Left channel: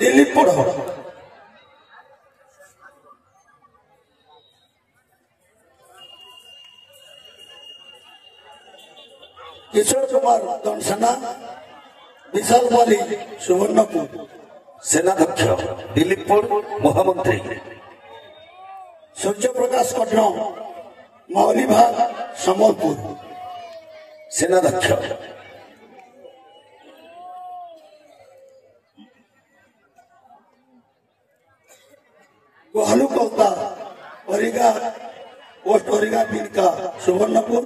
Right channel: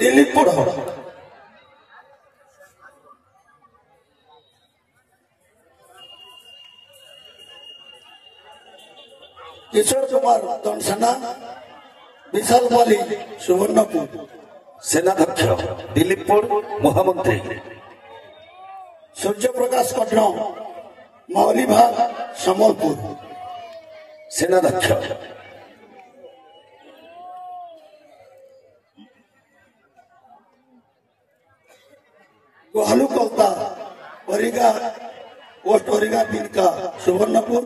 दिलीप पढ़ किशोर कुमार दनसेना विशाल बाली सुवर्णपुर सेनाध्यक्ष दिलीपपुर महामंत्री सूर्य प्रकाश कर्ण मौलीभाग समलपुर सेनाध्यक्ष गहलू कलता परिगा पोस्ट परिगा बिरका सुवर्णपुर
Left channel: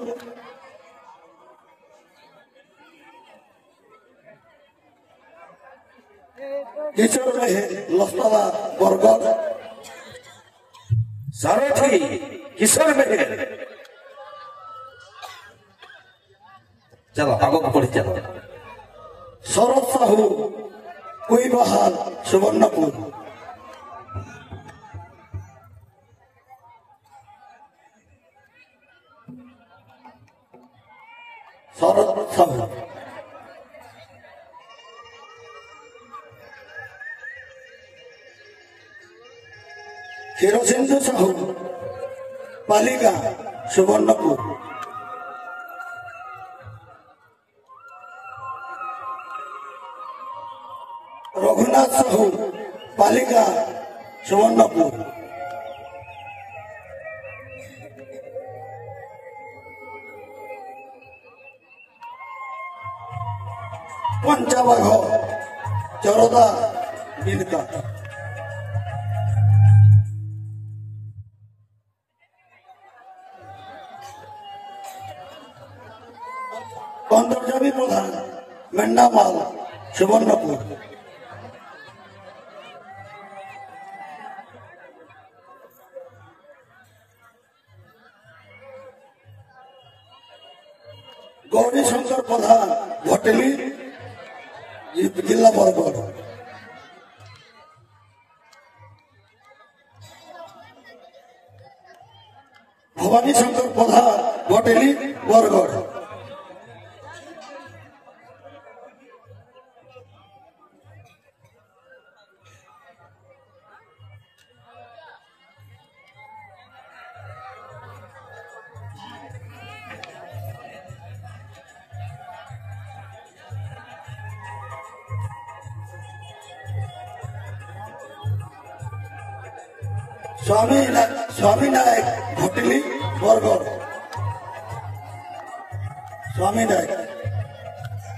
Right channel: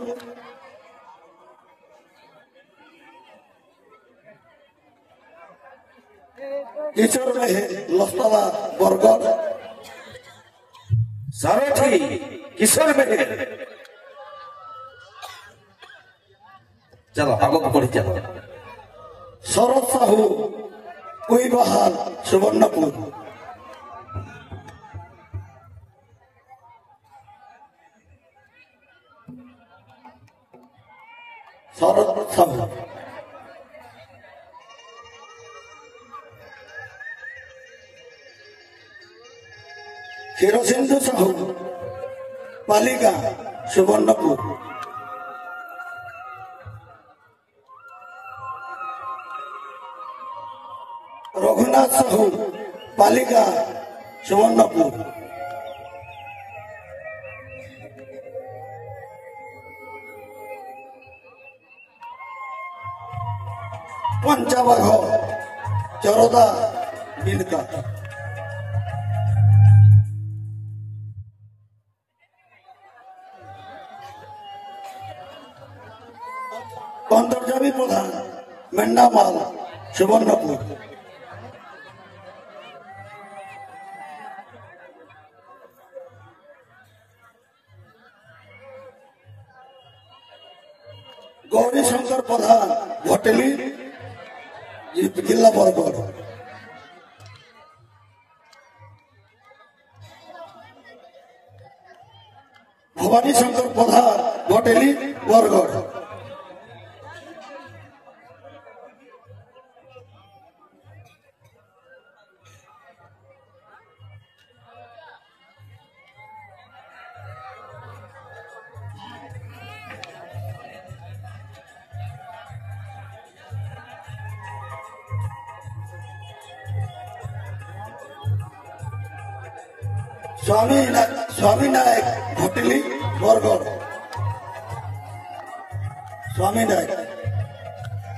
किशोर लस्तला बरगढ़ सारथी किशोर बेटे चलो आगे पढ़ी चलो शरद साहू कोईबहार सुवर्णपुर शरद साहू केरोसिंधु साहू पालिका सुवर्णपुर रघुनाथ साहू पालिका सुवर्णपुर पंचाबाघ जरदा बिरका अंतर्जामी प्रधान मेंढामाल सुवर्णपुर गौरी शंकर प्रधान भटेली जिला बरगढ़ भवानी शंकर प्रधान भटेली बरगढ़ स्वामी नायक भटेली बरगढ़ स्वामी नायक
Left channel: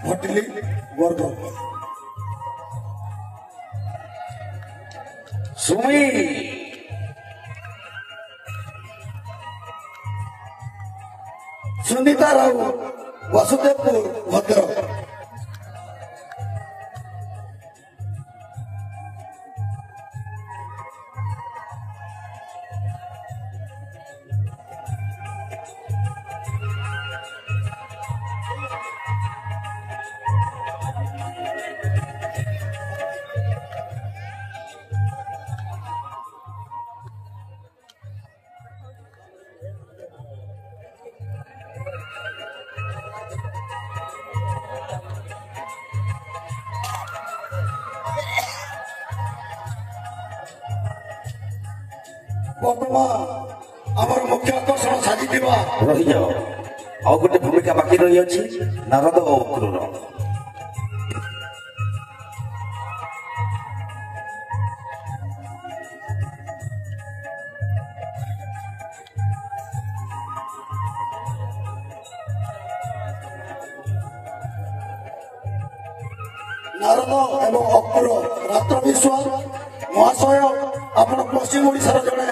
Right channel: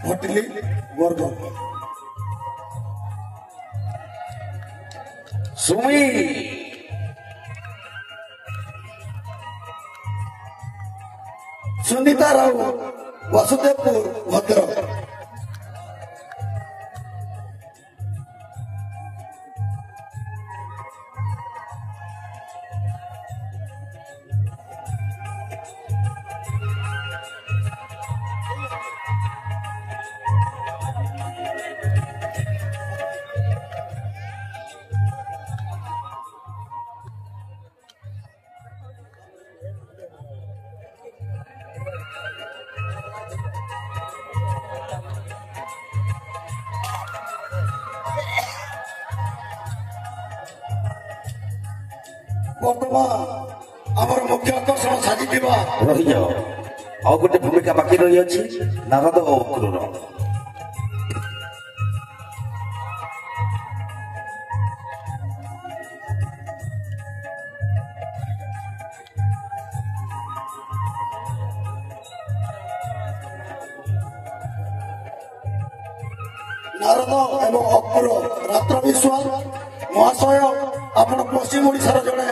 भटेली बरगढ़ सुमी सुनीता राव वासुदेवपुर भद्रक आमर मुख्य आकर्षण साजी रही जाओ आउ गोटे भूमिका बाकी रही अच्छी नारद और अक्रूर नारद एवं अक्रूर रात्र विश्वास महाशय आपण पश्चिम ओडिशार जड़े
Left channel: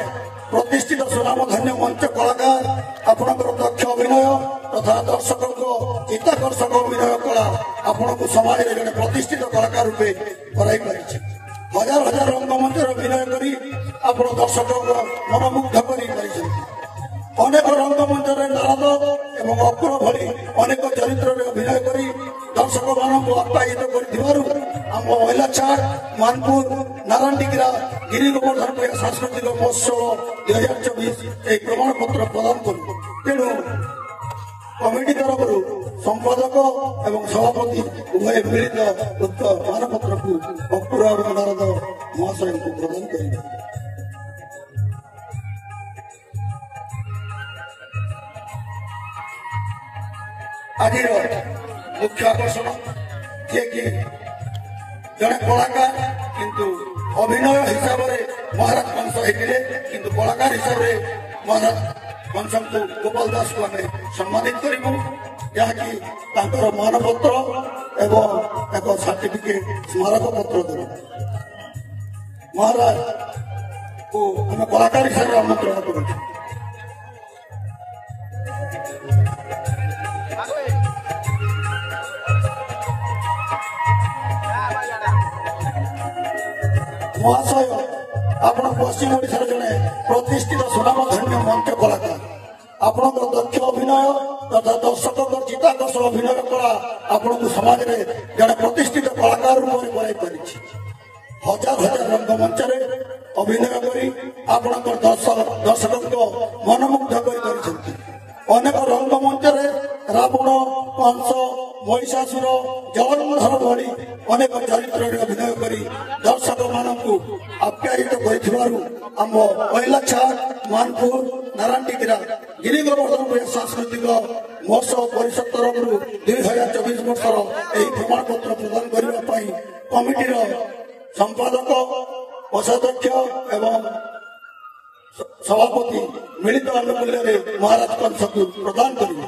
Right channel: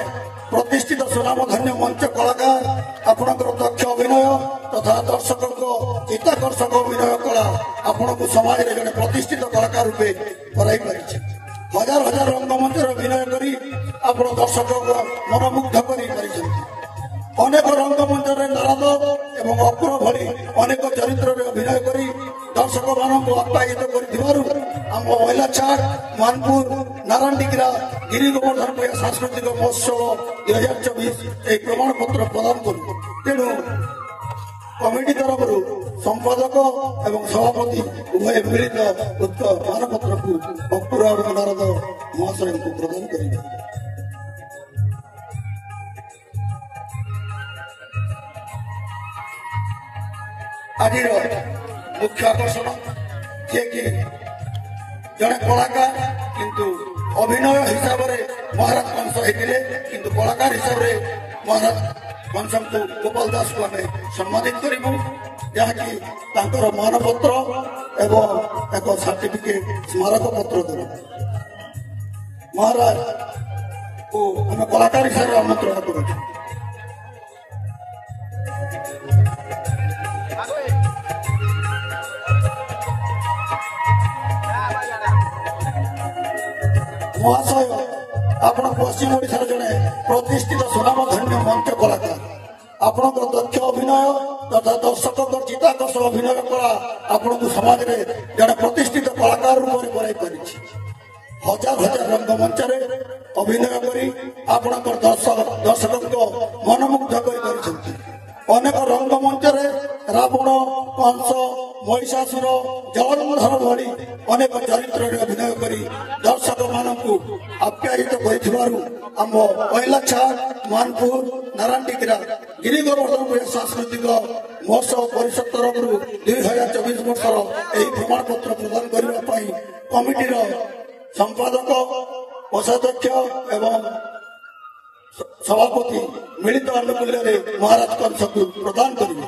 प्रतिष्ठित सुनामधन्य मंच कलाकार आपणकर दक्ष अभिनय तथा दर्शकों चित्ताकर्षक अभिनय कला आपन को समाज में जड़े प्रतिष्ठित कलाकार रूपे बनाई पारी हजार हजार रंगमंच अभिनय करी आप दर्शकों मनमुग्ध कर अनेक रंगमंच नारद एवं अक्रूर भली अनेक चरित्र में अभिनय करी दर्शक मानक आप्यायित आम महिला चार मानपुर नारायणडिग्रा गिरी गोवर्धन सांस्कृतिक महोत्सव 2024 प्रमाण पत्र प्रदान करूँ तेणु कमिटी तरफ संपादक एवं सभापति उभय मिलित मानपत्र को अक्रूर नारद ଯାଇଥାଏ। ଆଜିର ମୁଖ୍ୟ ଆକର୍ଷଣ ଯିଏକି ଜଣେ କଳାକାର କିନ୍ତୁ ଅଭିନୟ ହିସାବରେ ମହାରାଜ କଂସ ହେଇଥିଲେ, କିନ୍ତୁ କଳାକାର ହିସାବରେ ମହାରାଜ କଂସଙ୍କୁ ଗୋପାଳ ଦାସକୁ ଆମେ ସମ୍ମାନିତ କରିବୁ, ଯାହାକି ତାଙ୍କର ମାନପତ୍ର ଏବଂ ଏକ ସାର୍ଟିଫିକେଟ ସ୍ମାରକ ପତ୍ର ଦେବୁ। ମହାରାଜକୁ ଆମେ କଳାକାର ହିସାବରେ ଆମନ୍ତ୍ରଣ କରୁଛୁ। ମହାଶୟ, ଆପଣ ପଶ୍ଚିମ ଓଡ଼ିଶାର ଜଣେ ପ୍ରତିଷ୍ଠିତ ସୁନାମଧନ୍ୟ ମଞ୍ଚ କଳାକାର। ଆପଣଙ୍କ ଦକ୍ଷ ଅଭିନୟ ତଥା ଦର୍ଶକଙ୍କ ଚିତ୍ତାକର୍ଷ ଅଭିନୟ କଳା ଆପଣଙ୍କୁ ସମାଜରେ ଜଣେ ପ୍ରତିଷ୍ଠିତ କଳାକାର ରୂପରେ ବନାଇ ପାରିଛି। ହଜାର ହଜାର ରଙ୍ଗମଞ୍ଚରେ ଅଭିନୟ କରି ଆପଣଙ୍କର ଦର୍ଶକଙ୍କ ମନମୁଗ୍ଧ କରିପାରିଛନ୍ତି। ଅନେକ ରଙ୍ଗମଞ୍ଚରେ ରାବଣ, କଂସ, ମହିଷାସୁର, ଜଗନ୍ନାଥ ଭଳି ଅନେକ ଚରିତ୍ରରେ ଅଭିନୟ କରି ଦର୍ଶକମାନଙ୍କୁ ଆପ୍ୟାୟିତ କରିଥିବାରୁ ଆମ ଐଲାଛାଲ, ମାନପୁର, ନାରାୟଣଟିକିରା ଗିରିଗୋବର୍ଦ୍ଧନ ସାଂସ୍କୃତିକ ମହୋତ୍ସବ ପରିଷଦ ତରଫରୁ 2024 ବର୍ଷର ଏହି ପ୍ରମାଣପତ୍ର ପ୍ରଦାନ କରିବା ପାଇଁ କମିଟିର ସମ୍ପାଦକ, କୋଷାଧ୍ୟକ୍ଷ ଏବଂ ସଭାପତି ମିଳିତ ଆନୁକୂଲ୍ୟରେ ମହାରାଜ କଂସକୁ ପ୍ରଦାନ କରିବେ।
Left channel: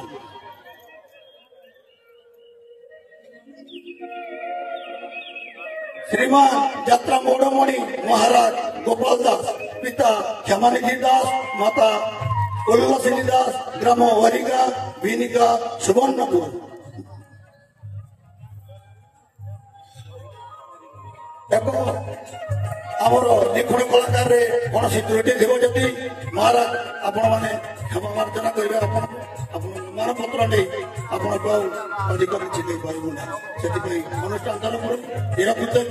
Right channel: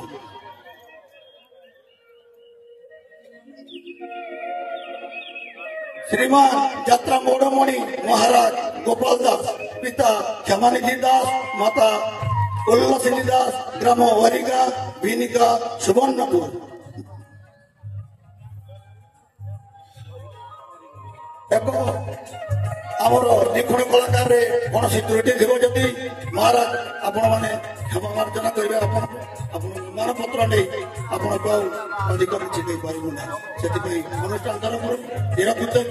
ଶ୍ରୀମାନ ଯାତ୍ରା ମୌଡ଼ମଣି ମହାରାଜ ଗୋପାଳ ଦାସ, ପିତା କ୍ଷମାନିଧି ଦାସ, ମାତା କଲ୍ଲସିନୀ ଦାସ, ଗ୍ରାମ ହରିଗା, ଭିନିକା, ସୁବର୍ଣ୍ଣପୁର। ଆମର ନିପୁଣ କଳାକାରରେ କୌଣସି ତ୍ରୁଟି ଥିବ ଯଦି ମହାରାଜ ଆପଣମାନେ କ୍ଷମା ପ୍ରାର୍ଥନା କରିବେ। ଆପଣଙ୍କୁ ମାନପତ୍ର ନେଇ ଆପଣଙ୍କୁ ଆଉ ଅଧିକ କିଛି ଦେଇପାରିବୁ ନାହିଁ। ସେଥିପାଇଁ ଅନୁଷ୍ଠାନ ତରଫରୁ ନିରାପତ୍ତା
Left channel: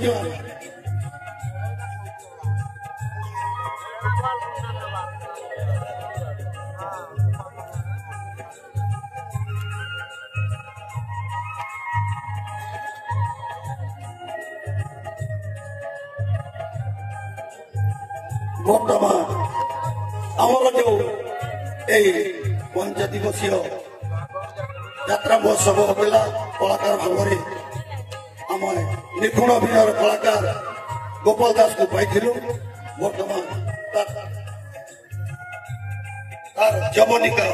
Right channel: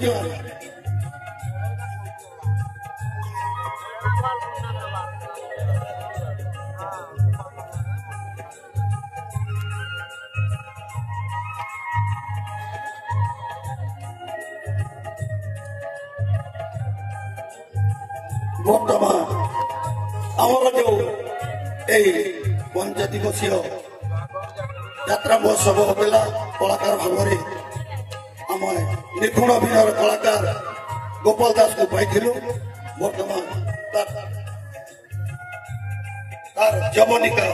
ବର୍ତ୍ତମାନ ଆମର ଯେଉଁ ଏହି ପଞ୍ଚ ଦିବସୀୟ ଯାତ୍ରା ମହୋତ୍ସବ ହେଲା, କଳାକାର ଭାବରେ ଆମେ ନିପୁଣ ଅଭିନୟର କଳାକାର ଗୋପାଳ ଦାସକୁ ପାଇଥିଲୁ। ବର୍ତ୍ତମାନ ତାର ଯବନିକା